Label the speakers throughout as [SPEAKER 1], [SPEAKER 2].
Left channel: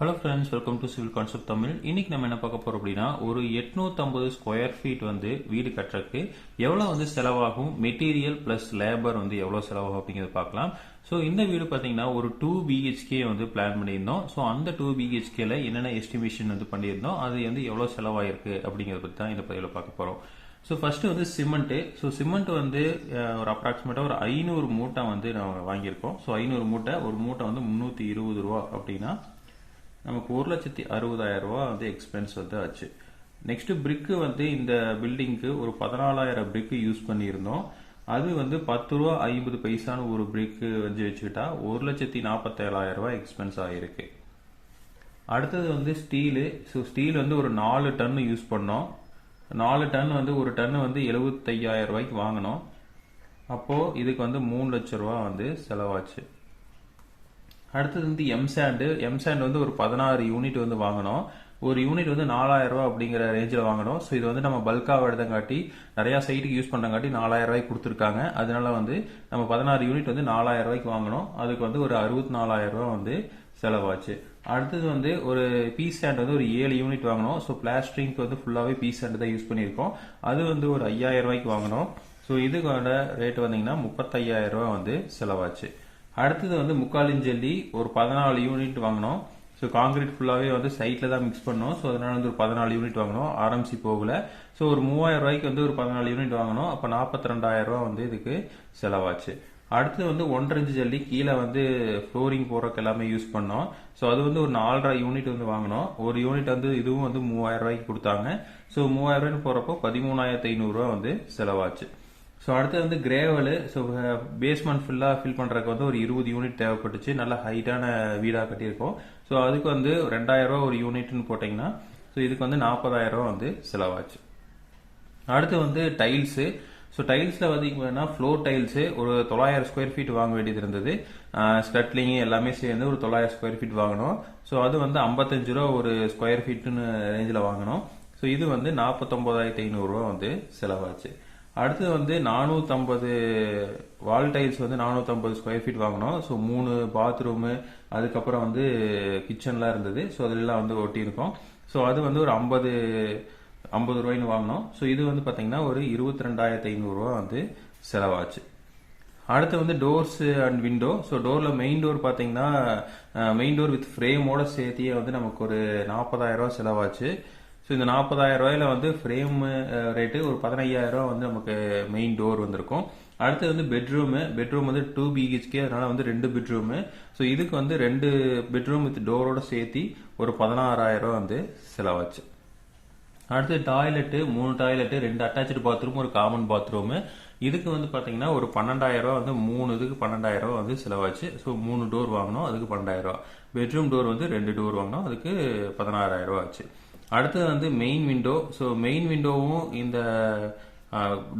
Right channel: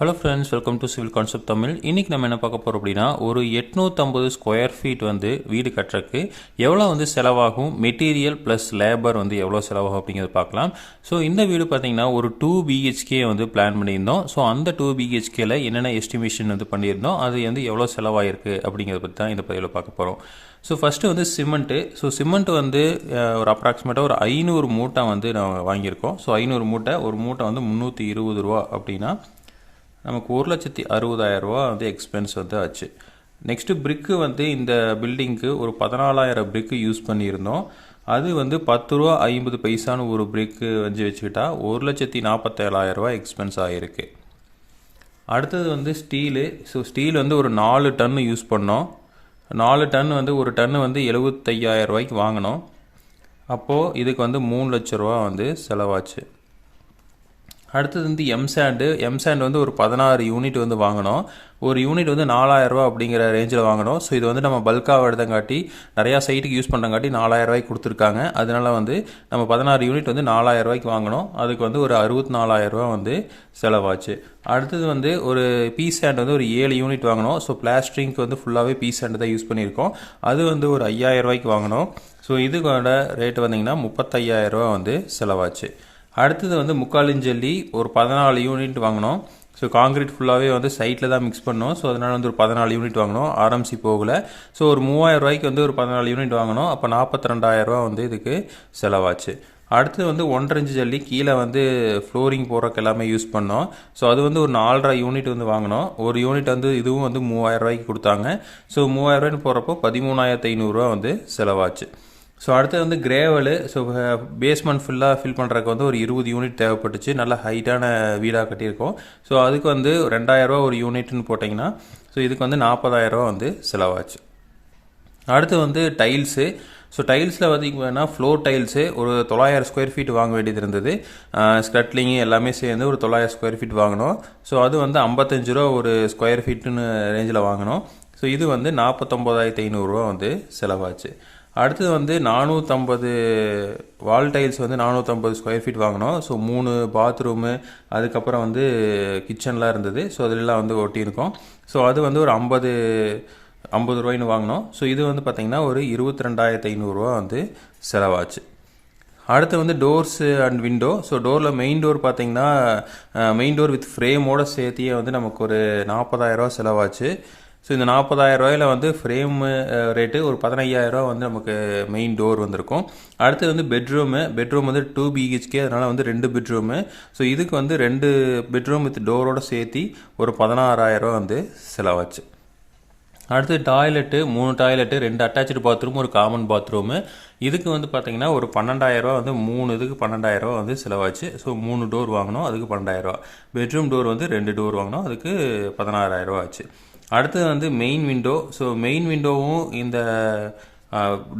[SPEAKER 1] Hello friends welcome to civil concept Tamil இன்றைக்கி நம்ம என்ன பார்க்க போகிறோம் அப்படின்னா ஒரு எட்நூற்றம்பது ஸ்கொயர் ஃபீட் வந்து வீடு கட்டுறதுக்கு எவ்வளோ வந்து செலவாகும் மெட்டீரியல் ப்ளஸ் லேபர் வந்து எவ்வளோ செலவாகும் அப்படிங்கிறத பார்க்கலாம். ஸோ இந்த வீடு பார்த்தீங்கன்னா ஒரு டூ பிஹெச்கே வந்து பிளான் பண்ணியிருந்தோம். ஸோ அந்த டூ பிஹெச்கேல என்னென்ன எஸ்டிமேஷன் வந்து பண்ணியிருந்தோம் அது வந்து எவ்வளோ செலவாயிருக்கு அப்படிங்கிறத பற்றி தான் இந்த பதிவில் பார்க்க போகிறோம் ஸோ ஃபஸ்ட்டு வந்து சிமெண்ட்டு ஸோ சிமெண்ட் வந்து ஒரு அப்ராக்சிமேட்டாக ஒரு ஐநூறு மூட்டை வந்து நான் வாங்கியிருக்கோம். ஸோ ஐநூறு மூட்டை ஒரு மூட்டை வந்து முந்நூற்றி இருபது ரூபா அப்படின்னா நமக்கு ஒரு லட்சத்தி அறுபதாயிரம் ரூபா வந்து எக்ஸ்பென்ஸ் வந்து ஆச்சு. நெக்ஸ்ட்டு பிரிக்கு வந்து இந்த பில்டிங்க்கு ஒரு பதினாலாயிரம் பிரிக்கு யூஸ் பண்ணியிருந்தோம். அது வந்து பத்து ரூபா ஐம்பது பைசான்னு ஒரு பிரிக்கு வச்சு வச்சுக்கிட்டா ஒரு லட்சத்தி நாற்பத்தேழாயிரம் ரூபா எக்ஸ்பென்ஸ் ஆகிருக்கு அடுத்தது வந்து ஸ்டீலு ஸோ ஸ்டீல் வந்து ஒரு நாலு டன்னு யூஸ் பண்ணோம். நாலு டன் வந்து ஒரு டன்னு வந்து எழுபத்தையாயிரம் ரூபாய்க்கு வாங்கினோம். அப்போது இதுக்கு வந்து மூணு லட்ச ரூபா வந்து செலவாச்சு. அடுத்தது வந்து எம்சாண்டு எம்சாண்ட் வந்து ஒரு பதினாறு யூனிட் வந்து வாங்கினோம் ஒரு யூனிட் வந்து நாலாயிரரூவா அப்படிங்கிற ரேஞ்சில் வாங்கினோம் ஸோ இது வந்து நம்ம பல்காக எடுத்தங்காட்டி நிறையா சைட்டுக்கு யூஸ் பண்ணுறங்காட்டி நாலாயிரரூவாய்க்கு கொடுத்துருக்காங்க. அதனால வந்து நம்ம பதினாறு யூனிட் வந்து நாலாயிரரூவாய்க்கு வாங்கினோம் அதுக்கு வந்து ஒரு அறுபத்தி நாலாயிரரூவா ரூபா வந்து செலவாச்சு. அடுத்தது வந்து ஒரு பீ சாண்ட் வந்து ஒரு ஏழு யூனிட் வாங்கினோம் ஸோ பிளாஸ்டரிங்க்கு வந்து ஃபுல்லாகவே பீ சாண்ட் தான் யூஸ் பண்ணியிருக்கோம். அது வந்து ஒரு ஐயாயிரரூவாய்க்கு வாங்கினோம் ஸோ இதுக்கோட ரேட் வந்திங்கன்னா முப்பத்தையாயிரரூவா வந்து செலவாச்சு. அடுத்தது வந்து முக்காலின் ஜல்லி ஒரு பதினாலு யூனிட் வாங்கினோம். ஸோ காங்கிரீட் ஃபுல்லாகவே வந்து சைட்டில் தான் மிக்ஸ் பண்ணோம். ஸோ அதனால் வந்து ஒரு பதினாலு யூனிட் வாங்கினோம். ஆர்எம்சி போகல. ஸோ ஒரு மூவாயிரம் ரூபாய்க்கு வந்து ஒரு பதினாலு யூனிட் வாங்கினோம். அப்போ நாற்பத்தி ரெண்டாயிரரூவா வந்து இதுக்கு செலவாச்சு. அடுத்து வந்து ஒன்றரை இன்ச்சு ஜல்லி கீழே வந்து ஃப்ளோரிங் போடுறக்கு எல்லாமே யூஸ் பண்ணோம். ஸோ அது வந்து ஒரு நாலரை யூனிட் வந்து வாங்கினோம். ஒரு யூனிட் வந்து இதுவும் வந்து மூவாயிரம் ரூபாய்க்கு கொடுத்தாங்க. ஸோ மூவாயிரம் ரூபாய்னு போகிறப்போ பதிமூணாயிரத்து ஐநூறுரூவா வந்து செலவாச்சு. ஸோ அடுத்தது வந்து கிரேவலு ஸோ பேஸ்மெண்ட் ஃபுல்லாக ஃபில் பண்ணுறதுக்கு வந்து ஒரு இருபது யூனிட் தேவைப்பட்டுச்சு. நல்ல ஹைட்டான வீடாக கட்டியிருக்கோம். ஸோ அதுக்கு வந்து ரெண்டாயிரரூவா ஒரு யூனிட்னு போட்டிங்கன்னா ஸோ இதுக்கு வந்து நாற்பதாயிரரூவா வந்து செலவாச்சு. அடுத்து வந்து டைல்ஸு ஸோ டைல்ஸில் பார்த்தீங்கன்னா ஃப்ளோர் டைல்ஸு ஒரு தொள்ளாயிரம் ஸ்கொயர் ஃபீட் வாங்க வேண்டியது இருந்தது. ஸ்கட்லிங்கு எல்லாமே சேர்ந்து ஒரு தொள்ளாயிரம் ஸ்கொயர் ஃபீட் வாங்கினோம். ஸோ அது வந்து ஐம்பத்தஞ்சு ரூபா ஒரு ஸ்கொயர் ஃபீட்டுன்னு ரேஞ்சில் வாங்கினோம். ஸோ இது வந்து நாற்பத்தொம்போதாயிரத்தி ஐநூறுரூவா வந்து செலவாச்சு. அடுத்தது வந்து நானூற்றம்பது வால் டைல்ஸ் வந்து நானூற்றம்பது ஸ்கொயர் ஃபீட் வாங்கினோம். ஸோ மூணு பாத்ரூமு அதுக்கப்புறம் வந்து கிச்சன்லாம் இருந்தது. ஸோ அதிலெலாம் வந்து ஒட்டியிருக்கோம். ஸோ அது வந்து ஒரு ஐம்பது ஐம்பது ரூபாய்னு வாங்கினோம். ஸோ இது வந்து பார்த்திங்கன்னா ஒரு இருபத்தி ரெண்டாயிரத்து ஐநூறுரூவா வந்து செலவாச்சு. அடுத்து வந்து டோர்ஸு அண்ட் விண்டோ ஸோ டோரில் மெயின் டோர் பார்த்திங்கன்னா மெயின் டோர் வித் ஃப்ரேமோட சேர்த்தியே வந்து நமக்கு ஒரு நாற்பதாயிரரூவா செலவாச்சு. ஸோ இந்த நாற்பதாயிரம் ரூபாயில் வந்து ஃப்ரேம் ரேட்டு ஒரு பதினையாயிரரூவா வந்து நமக்கு மெயின் டோர் வந்திருக்கும். அடுத்து வந்து பெட்ரூமு பெட்ரூம் வந்து டூ பிஹெச்கே அதனால் வந்து ரெண்டு பெட்ரூமு ஸோ இதுக்கு வந்து ரெண்டு பெட்ரூம் வித் டோரோட சேர்த்தி ஒரு பதினாறாயிரரூவா வந்து செலவாச்சு. அடுத்து டாய்லெட்டு மூணு டாய்லெட்டு ரெண்டு அட்டாச்சு பாத்ரூம் ஒரு காமன் பாத்ரூமு இதுக்கு வந்து பார்த்தீங்கன்னா ஒரு பன்னெண்டாயிரரூவா வந்து மூணு இதுக்கு பன்னெண்டாயிரரூவா வந்து செலவாச்சு. ஸோ மூணு டோர் வாங்கினோம் அதுக்கு பன்னெண்டாயிரரூவா பெட்ரூம் டோர் வந்து ரெண்டு டோர் வாங்கினோம் அதுக்கு பதினாறாயிரரூவா ஆச்சு. அடுத்தது வந்து மெயின் விண்டோ ஸோ மெயின் விண்டோவும் இந்த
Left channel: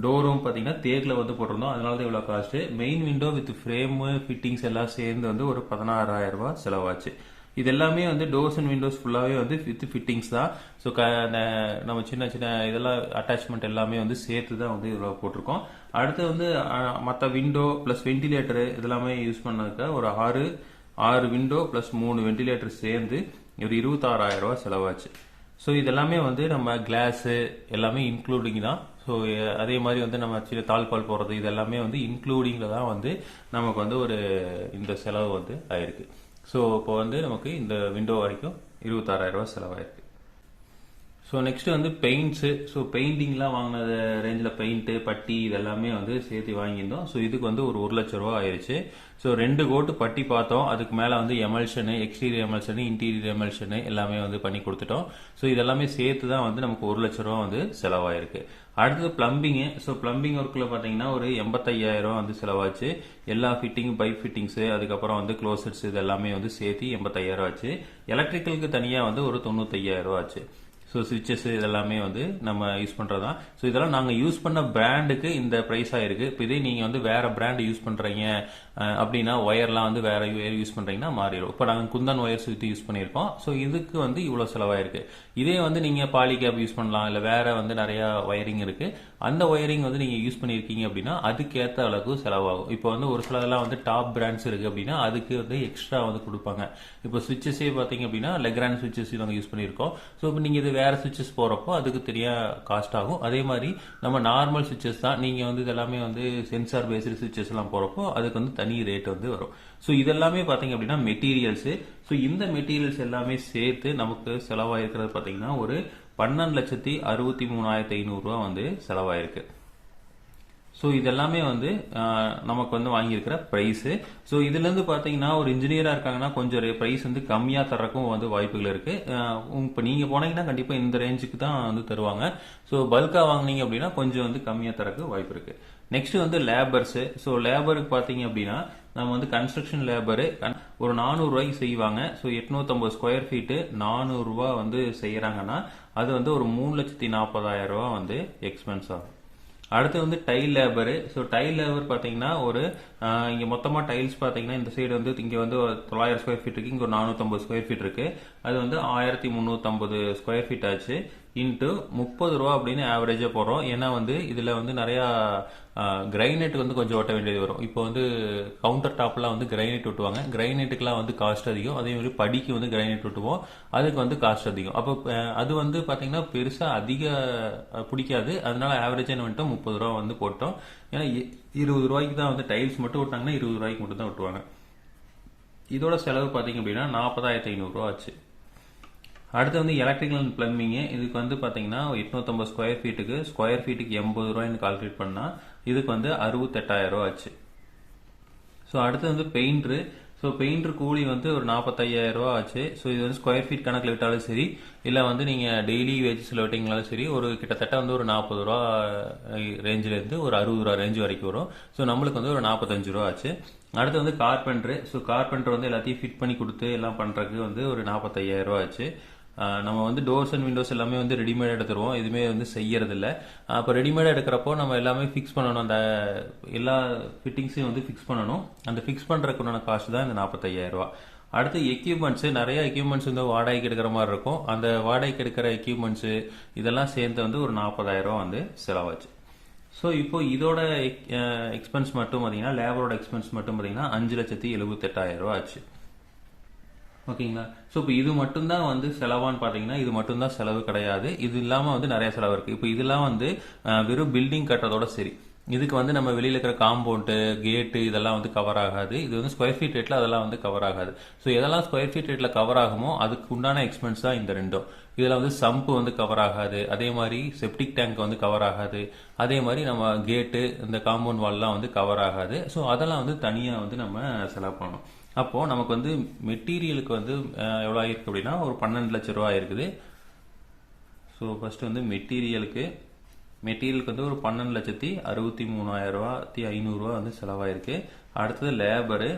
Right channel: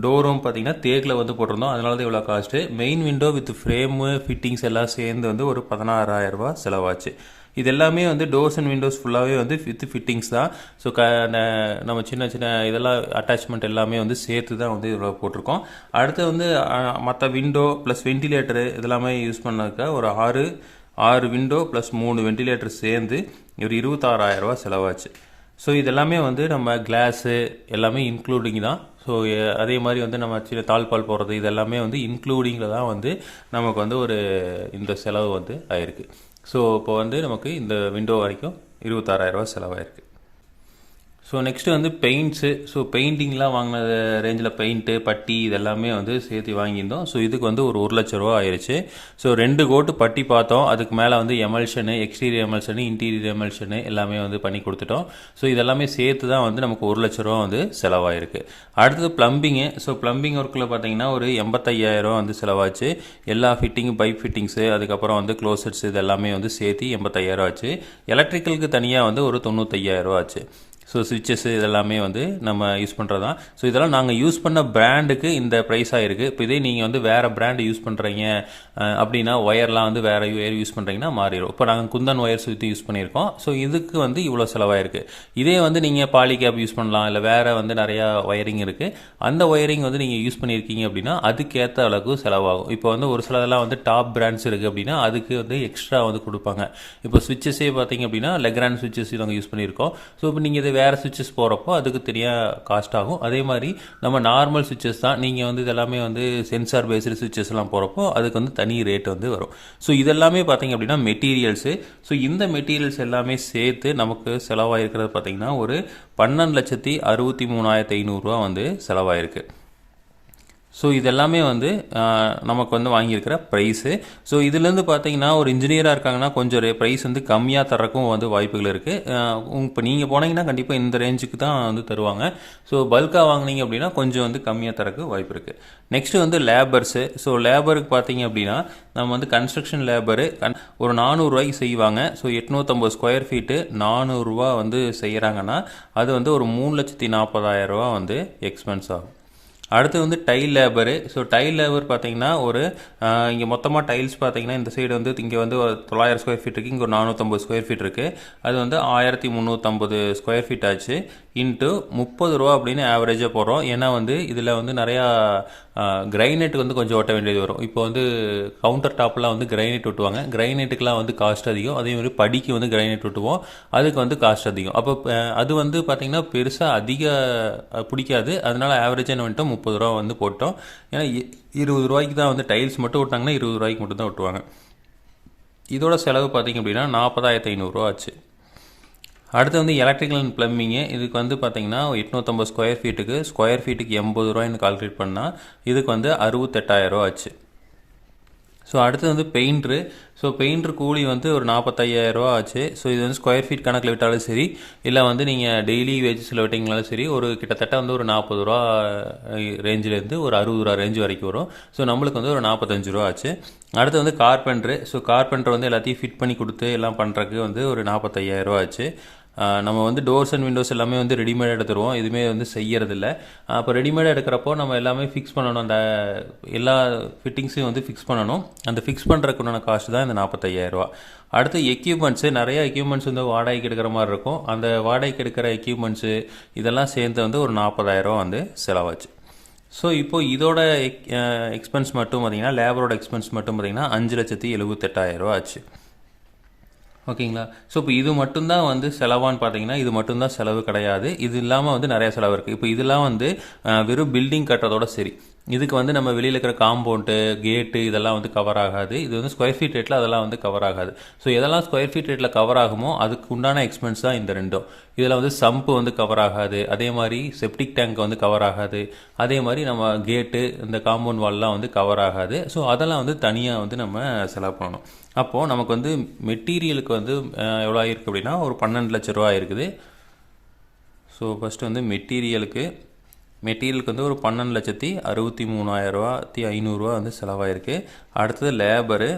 [SPEAKER 1] டோரும் பார்த்தீங்கன்னா தேக்கில் வந்து போட்டிருந்தோம். அதனால தான் இவ்வளோ cost main window with frame fittings எல்லாம் சேர்ந்து வந்து ஒரு பதினாறாயிரரூபா செலவாச்சு. இது எல்லாமே வந்து டோர்ஸ் அண்ட் விண்டோஸ் ஃபுல்லாகவே வந்து வித் ஃபிட்டிங்ஸ் தான். ஸோ க ந- நம்ம சின்ன சின்ன இதெல்லாம் அட்டாச்மெண்ட் எல்லாமே வந்து சேர்த்து தான் வந்து இவ்வளோ போட்டிருக்கோம். அடுத்து வந்து மற்ற விண்டோ ப்ளஸ் வென்டிலேட்டரு இதெல்லாமே யூஸ் பண்ணதுக்கு ஒரு ஆறு ஆறு விண்டோ ப்ளஸ் மூணு வென்டிலேட்டர் சேர்ந்து ஒரு இருபத்தாறாயிரம் செலவாச்சு. ஸோ இதெல்லாமே வந்து நம்ம கிளாஸு எல்லாமே இன்க்ளூடிங் தான். ஸோ அதே மாதிரி வந்து நம்ம சின்ன தாழ்பால் போடுறது இது எல்லாமே வந்து இன்க்ளூடிங்கில் தான் வந்து நமக்கு வந்து ஒரு இந்த செலவு வந்து ஆயிருக்கு. ஸோ இப்போ வந்து நமக்கு இந்த விண்டோ வரைக்கும் இருபத்தாறாயிரரூவா செலவாயிருக்கு. ஸோ நெக்ஸ்ட்டு வந்து பெயிண்ட்ஸு ஸோ பெயிண்டிங்லாம் வாங்கின ரேஞ்சில் பெயிண்ட்டு பட்டி இதெல்லாமே வந்து சேர்த்து வாங்கியிருந்தோம். ஸோ இதுக்கு வந்து ஒரு ஒரு லட்ச ரூபா ஆயிடுச்சு ஸோ ரெண்டு கோட்டு பட்டி பார்த்தோம். அதுக்கு மேலே வந்து எமல்ஷனு எக்ஸ்டீரியர் எமல்ஷனு இன்டீரியர் எமல்ஷனு எல்லாமே வந்து பண்ணி கொடுத்துட்டோம். ஸோ இதெல்லாமே சேர்த்து தான் வந்து நமக்கு ஒரு லட்ச ரூபா வந்து செலவாயிருக்கு. அடுத்தது ப்ளம்பிங்கு ஸோ ப்ளம்பிங் ஒர்க்கில் பார்த்தீங்கன்னா ஒரு எண்பத்தையாயிரம் வந்து செலவாச்சு. எல்லா ஃபிட்டிங்கும் பைப் ஃபிட்டிங்ஸு அதுக்கப்புறம் வந்து க்ளோசட்ஸ் இது எல்லாமே வந்து சேர்த்து எண்பத்தையாயிரம் ஆச்சு. எலக்ட்ரிக்கலுக்கு தனியாக வந்து ஒரு தொண்ணூத்தையாயிரம் ஆச்சு. ஸோ சுவிச்சஸ் இதெல்லாமே வந்து நம்ம யூஸ் பண்ணுறது தான் ஸோ இதெல்லாம் நாங்கள் யூஸ் பண்ண பிராண்டுக்கு இந்த ப்ரைஸாக இருக்குது இப்போ இதே நீங்கள் வந்து வேறு பிராண்டு யூஸ் பண்ணுறீங்க அப்படின்னா ஒயர்லாம் வந்து வேறு ஒயர் யூஸ் பண்ணுறீங்கன்னா மாறிடும். இப்போ நாங்கள் குந்தன் ஒயர் சுற்றி யூஸ் பண்ணியிருக்கோம். ஸோ இதுக்கு வந்து இவ்வளோ செலவாயிருக்கு. இதே வந்து நீங்கள் பாலிகேப் யூஸ் பண்ணலாம். இல்லை வேறு வந்து நிறையா ஒயரிங் இருக்குது அந்த ஒயரிங் வந்து நீங்கள் யூஸ் பண்ணியிருக்கீங்க அப்படின்னா அதுக்கேற்ற அளவுக்கு செலவாகும். இப்போ வந்து ஒரு சிலதெல்லாம் வந்து டாப் பிராண்ட்ஸ் இருக்குது அப்படின்னா அதுக்கு வந்து எக்ஸ்ட்ரா வந்து கொடுப்பாங்க. இப்போ சுவிச்சஸே பார்த்தீங்க அப்படின்னா லெக்ரான் சுவிச்சஸ் நாங்கள் யூஸ் பண்ணியிருக்கோம். ஸோ இப்போ நீங்கள் இது வேறு சுவிச்சஸ் போகிறப்போ அதுக்கு தனியாக காஸ்ட் ஆகும். அதே மாதிரி நம்ம நார்மல் சுவிச்சஸ் தான். நீங்கள் வந்து இதெல்லாமே வந்து சென்சார் பேஸ்டு சுவிச்சஸ்லாம் போகிறப்போ அதுக்கு வந்து தனி ரேட் வந்து வரும். ஸோ இதெல்லாமே பார்த்தீங்க அப்படின்னா மெட்டீரியல்ஸு ஸோ இந்த மெட்டீரியல்ஸ் எல்லாமே சேர்த்து நமக்கு செலவாயிருக்கிறது பார்த்தீங்கன்னா ஒரு பன்னெண்டு லட்சத்தி அறுபத்தி மூணாயிரத்தி ஐநூறுரூவா வந்து செலவாயிருக்கு. ஸோ இதெல்லாமே வந்து நமக்கு வந்து வாங்கியிருக்கிற ப்ரைஸு ஸோ இதுலேருந்து பார்த்தீங்கன்னா ஒரு இன்ஜினியராக இருக்காங்கன்னா கொஞ்சம் ப்ரைஸ் வந்து கம்மியாக தரக்கும் வந்து வாய்ப்புகள் இருக்குது இப்போ நீங்கள் போனீங்கன்னா கண்டிப்பாக இந்த ரேஞ்சுக்கு தான் வந்து தருவாங்க. ஸோ பல்காக வாங்குனீங்க அப்படின்னா கொஞ்சம் வந்து கம்மியாக தரக்கு வாய்ப்பு இருக்குது நெக்ஸ்ட்டு வந்து லேபர்ஸு ஸோ லேபருக்கு பார்த்தீங்க அப்படின்னா நம்ம வந்து கன்ஸ்ட்ரக்ஷன் லேபரு கன் ஒரு நானூறுரூவாய்க்கு செய்வாங்க. ஸோ எட்நூற்றம்பது ஸ்கொயர் ஃபீட்டு நானூறுரூவா வந்து செய்கிறாங்கன்னா அது வந்து ஒரு மூணு லட்சத்தி நாற்பதாயிரம் ரூபா வந்து எக்ஸ்பென்ஸ் ஆகும். அடுத்து வந்து tile labour so tile labour பார்த்தீங்கன்னா ஒரு இங்கே மொத்தமாக டைல்ஸ் பார்த்தீங்கன்னா இந்த சைடு வந்து இங்கே வந்து ஒரு தொள்ளாயிரம் ஸ்கொயர் ஃபீட் இருக்குது இங்கே ஒரு நானூற்றம்பது ஸ்கொயர் ஃபீட் இருக்குது அது வந்து ஆயிரத்தி முந்நூற்றம்பது ஸ்கொயர் ஃபீட் ஆச்சு. இன்ட்டு முப்பது ரூபா அப்படின்னு ஆவரேஜாக போடுறோம். ஏன்னா வந்து இதில் வந்து நிறையா கிரைனைட் வந்து கொஞ்சம் ஒட்ட வேண்டியது வரும். இப்போ வந்து கவுண்டர் டாப்லாம் வந்து கிரைனைட் ஒட்டுவாங்க. கிரைனைட்டுக்கெலாம் வந்து காஸ்ட் அதிகம். அதே மாதிரி படிக்கு வந்து கிரைனைட் ஒட்டுவோம். அதுக்கு வந்து காஸ்ட் அதிகம். அப்போ அது வந்து பார்த்திங்கன்னா பெருசாக அதிக பிடிக்காது. அதனால் ஆவரேஜாக என்ன வந்துட்டோம் முப்பது ரூபா வந்து போட்டோம். ஏன்னா இருபது ரூபாய்க்கு தான் வந்து டைல்ஸ் மட்டும் விட்டாங்கன்னா இருபது ரூபாய்க்கு மட்டும் தான் ஒட்டுவாங்க. இதோட செலவு பார்த்தீங்க அப்படின்னா நாற்பதாயிரத்தி ஐநூறுரூவா ஆச்சு. அடுத்து வந்து எலக்ட்ரிக்கல் அண்ட் பிளம்பிங்கு இதுக்கு வந்து பார்த்தீங்கன்னா எட்நூற்றம்பது ஸ்கொயர் ஃபீட்டுக்கு ஸ்கொயர் ஃபீட்டுக்கு எண்பது ரூபாய்னு கால்குலேட் பண்ணால் இதுக்கு வந்து அறுபத்தெட்டாயிரம் ரூபா ஆச்சு. ஸோ அடுத்து வந்து பெயிண்ட்ரு ஸோ பெயிண்ட்ரு கூலி வந்து ஒரு நாற்பத்தையாயிரம் ரூபா ஆச்சு. ஸோ இது வந்து ஸ்கொயர் ஃபீட் கணக்கில் விட்டாலும் சரி இல்லை வந்து நீங்கள் டெய்லி வேஜஸில் விட்டிங்கனாலும் சரி ஒரு கிட்டத்தட்ட வந்து ஒரு நாற்பது ரூபா ரேஞ்சிலேருந்து ஒரு அறுபது ரூபா ரேஞ்ச் வரைக்கும் வரும். ஸோ நம்மளுக்கு வந்து ஒரு நாற்பத்தஞ்சு ரூபா ஆச்சு. அடுத்து வந்து கார்பெண்ட்ரு ஸோ கார்பெண்ட்ரு வந்து எல்லாத்தையும் ஃபிட் பண்ணி கொடுத்து எல்லாம் பண்ணுறதுக்கு வந்து ஒரு நாற்பத்தையாயிரம் ரூபா ஆச்சு. நம்ம வந்து டோர்ஸ் அண்ட் விண்டோஸ் எல்லாமே வந்து ரெடிமேட் எடுத்துருவோம். எதுவுமே வந்து செய்யறதில்ல. அப்போ ரெடிமேட் எடுக்கிறப்போ நம்ம எல்லாமே ஃபிக்ஸ் பண்ணணும். அந்த எல்லா ஃபிட்டிங்ஸையும் வந்து ஃபிக்ஸ் பண்ணணும். அந்த ஃபிக்ஸ் பண்ணுறதுக்குண்டான காசு தான் இந்த நாற்பத்தையாயிரரூவா அடுத்து எக்யூப்மெண்ட்ஸு நிறைய எக்யூப்மெண்ட்ஸ் வந்து வாடகைக்கு எடுக்கிற மாதிரி இருக்கும். அந்த வாடகைக்கு எடுக்கிற எக்யூப்மெண்ட்ஸு இதெல்லாம் சேர்ந்து வந்து ஒரு நாற்பதாயிரரூவா வந்து செலவாச்சு. ஸோ இப்போ இதோட எக் எக்ஸ்பென்ஸ் மட்டும் பார்த்தீங்கன்னா லேபரோட எக்ஸ்பென்ஸ் மட்டும் பார்த்தீங்கன்னா அஞ்சு லட்சத்தி எழுபத்தெட்டாயிரம் ரூபா ஆச்சு. ஓகேங்களா? ஸோ இப்போ இது மட்டும்தான் வந்து செலவான்னு பார்த்தீங்கன்னா இது மட்டும்தான் செலவு கிடையாது. இது இல்லாமல் வந்து நிறைய செலவு இருக்குது இப்போ இதெல்லாம் வந்து வெறும் பில்டிங் கட்டுறதோட சரி. இதுக்கு வந்து நம்ம வெளியில் இருக்கிற காம்பவுண்டு கேட்டு இதெல்லாம் வந்து கவர் ஆகாது. இது வந்து ஸ்கொயர் ஃபீட் ரேட்டில் அதெல்லாம் வந்து கவர் ஆகாது. ஸோ எதெல்லாம் ஸ்கொயர் ஃபீட் ரேட்டில் கவர் ஆகுமோ அதுக்கு உண்டான எக்ஸ்பென்ஸ் தான் இந்த ரெண்டும். இதில் வந்து சம்பு வந்து கவர் ஆகாது. அதே மாதிரி செப்டிக் டேங்க் வந்து கவர் ஆகாது. அதே மாதிரி நம்ம கேட்டு இந்த காம்பவுண்ட் வால்லாம் வந்து கவர் ஆகாது. ஸோ அதெல்லாம் வந்து தனியாக வந்து நம்ம செலவு பண்ணணும். அப்போது நமக்கு வந்து மெட்டீரியலுக்கு வந்து எவ்வளோ ஆகிருக்கு அப்படின்னா ஒரு பன்னெண்டு லட்ச ரூபா ஆயிருக்குது. ஸோ ஃபஸ்ட்டு வந்து மெட்டீரியலுக்கு மெட்டீரியலுக்கு வந்து ஒரு பன்னெண்டு லட்சத்தி அறுபத்தி மூணாயிரரூவாத்தி ஐநூறுரூவா வந்து செலவாயிருக்கு. அடுத்தது லேபரு.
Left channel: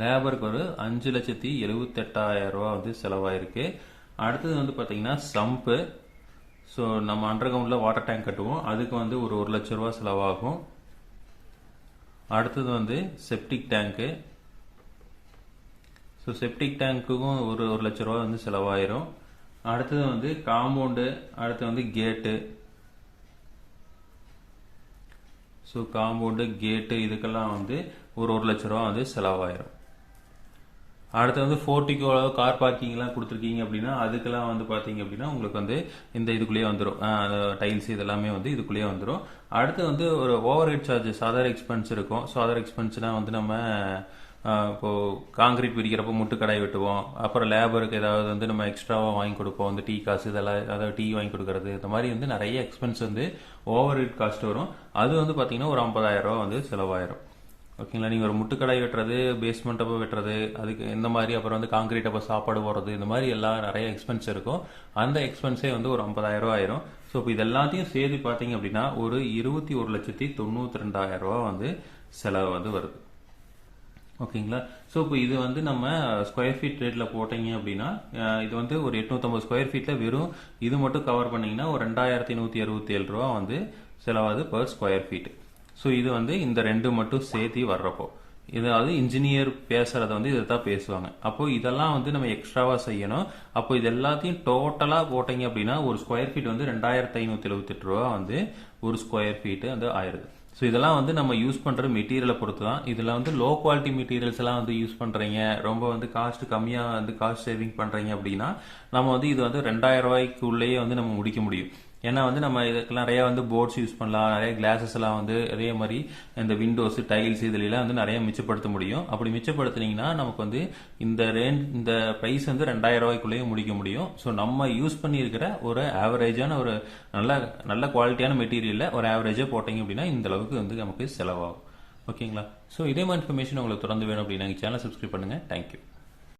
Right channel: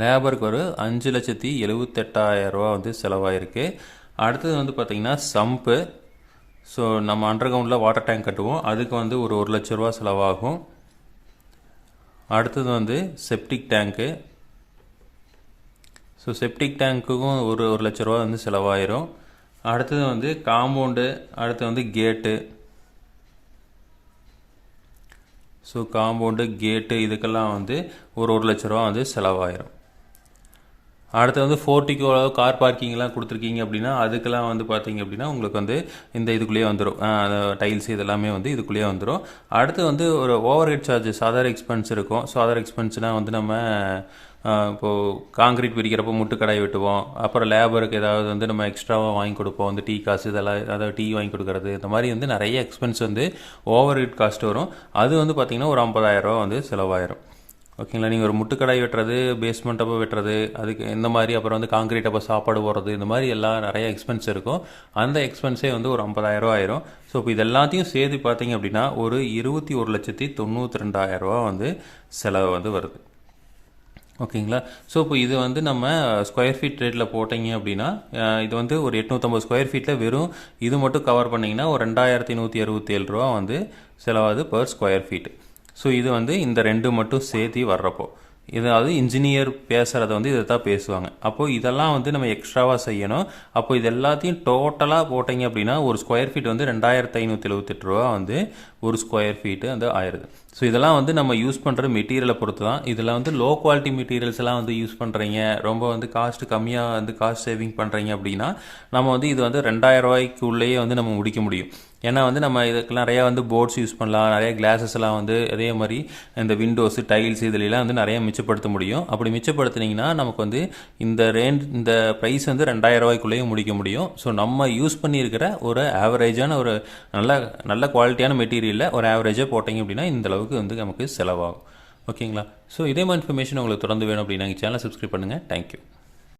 [SPEAKER 1] லேபருக்கு ஒரு அஞ்சு லட்சத்தி எழுபத்தெட்டாயிரரூவா வந்து செலவாயிருக்கு. அடுத்தது வந்து பார்த்திங்கன்னா சம்பு. ஸோ நம்ம அண்டர் கிரவுண்டில் வாட்டர் டேங்க் கட்டுவோம். அதுக்கு வந்து ஒரு ஒரு லட்ச ரூபா செலவாகும். அடுத்தது வந்து செப்டிக் டேங்க்கு ஸோ செப்டிக் டேங்க்குக்கும் ஒரு ஒரு லட்ச ரூபா வந்து செலவாயிரும். அடுத்தது வந்து காம்பவுண்டு அடுத்து வந்து கேட்டு ஸோ காம்பவுண்டு கேட்டு இதுக்கெல்லாம் வந்து ஒரு ஒரு லட்ச ரூபா வந்து செலவாயிரும். அடுத்து வந்து ஃபோர்ட்டிக்கோ கார் பார்க்கிங்லாம் கொடுத்துருக்கீங்க அப்படின்னா அதுக்கெல்லாம் வந்து பார்த்தீங்க அப்படின்னா உங்களுக்கு வந்து இந்த இதுக்குள்ளேயே வந்துடும் டைல்ஸ் இதெல்லாமே வந்து இதுக்குள்ளேயே வந்துடும் அடுத்து வந்து ஒரு over head charges other expense இருக்கும் ஸோ அதர் எக்ஸ்பென்ஸ்னால் வந்து நம்ம இப்போது காங்கிரீட் பிரிக்கிறப்போ முட்டுக்கடாய் வெட்டுவோம். அப்புறம் லேபருக்கு ஏதாவது வந்து நம்ம எக்ஸ்ட்ராவாக வாங்கி கொடுப்போம். வந்து டீ காசு இதெல்லாம் அதாவது டீ வாங்கி கொடுக்கறது இந்த மாதிரி வந்து நிறைய எக்ஸ்பென்ஸ் வந்து ஓவர் ஹெட் காஸ்ட் வரும். அது வந்து பார்த்திங்கன்னா ஒரு ஐம்பதாயிரரூவா வந்து செலவாயிரும். ஓகேங்களா? நீங்கள் ஒரு முட்டுக்கடை வெட்டுறது பேஸ்மெண்ட் அப்போ வெட்டுறது அதுக்கு இந்த மாதிரி அப்புறம் வந்து காங்கிரீட் அப்போ சாப்பாடு போடுறது இந்த மாதிரி எல்லாம் நிறைய எக்ஸ்பென்ஸ் இருக்கும். அந்த எக்ஸ்பென்ஸே வந்து ஒரு ஐம்பதாயிரரூவா ஆயிரும். ஸோ இப்போ இது எல்லாத்தையும் சேர்த்து பார்த்தீங்க அப்படின்னா ஒரு இருபத்தி ஒரு லட்சத்தி தொண்ணூற்றி ரெண்டாயிரம் ரூபா வந்து செலவு வந்து வருது. ஓகேங்களா? ஸோ இப்போ இது வந்து நம்ம ஸ்கொயர் ஃபீட் ரேட்டில் போட்டீங்க அப்படின்னா இது வந்து ஒரு எட்நூற்றம்பது ஸ்கொயர் ஃபீட்டில் வெறும் இது மட்டும் கவர் பண்ணிங்கன்னா ஒரு ரெண்டாயிரத்தி நூற்றி அறுபத்தி ஏழு ரூபா வந்து செலவாகுது பர் ஸ்கொயர் ஃபீட் ஸோ இது வந்து இந்த ரெண்டு மட்டும் சேர்த்து வர்றப்போ. இதாவது இன்ஜினியர் பேசுகிறத வந்து இதை தான் பேசுவாங்க. அப்போது இதெல்லாம் வந்து நம்ம எக்ஸ்ட்ராவாக செய்யணும். அப்போ இது எல்லாத்தையும் டோட்டலாக போட்டிங்க அப்படின்னா ஒரு ஸ்கொயர் ஃபீட் வந்து ரெண்டாயிரத்து ஐநூற்றி எழுபத்தெட்டு ரூபா வந்து ஒரு ஸ்கொயர் ஃபீட்டு வந்து ஆயிடுது. ஸோ இதெல்லாம் வந்து நம்ம யூஸ் பண்ணுற மெட்டீரியலை பொறுத்து தான் இதில் வந்து லோ குவாலிட்டி மெட்டீரியல்ஸ் எல்லாம் வந்து யூஸ் பண்ணுறீங்க ரொம்ப வந்து காஸ்ட் கம்மியாக வந்து காஸ்ட் சேவிங் பண்ணுறீங்க அப்படின்னா நம்ம வந்து இது வந்து ரெண்டாயிரம் ரூபாய்க்கு உள்ளேயே வந்து நம்ம முடிக்க முடியும். ஏன்னா வந்து நம்ம இதுக்கு நிறையா வந்து போர்ட்ஸ் யூஸ் பண்ணலாம். நிறைய கிளாஸஸ் எல்லாம் வந்து அதே மாதிரி இந்த விண்டோஸ் டைல்ஸ் இதுலலாம் வந்து நிறைய மிச்சப்படுத்த முடியும். அப்படி மிச்சப்படுத்துனீங்கன்னா நமக்கு வந்து இந்த ரேஞ்ச் இந்த ப்ரைஸ் வந்து ரெண்டாயிரம் ரூபாய்க்குள்ளேயும் முடிக்க முடியும். ஸோ நம்ம யூஸ் பண்ணியிருக்கிற ஒரு ஆவரேஜான ஒரு நல்ல நல்ல குவாலிட்டியான மெட்டீரியலில் ஒரு ஆவரேஜாக போட்டிங்க அப்படின்னா இந்த அளவுக்கு வந்து நமக்கு செலவாகும். ஓகேங்களா ஸோ இதே மாதிரி இன்ஃபர்மேஷன் உங்களுக்கு தொடர்ந்து வேணும் அப்படின்னா சேனல் சேனலை சப்ஸ்கிரைப் பண்ணுங்கள் தேங்க்யூ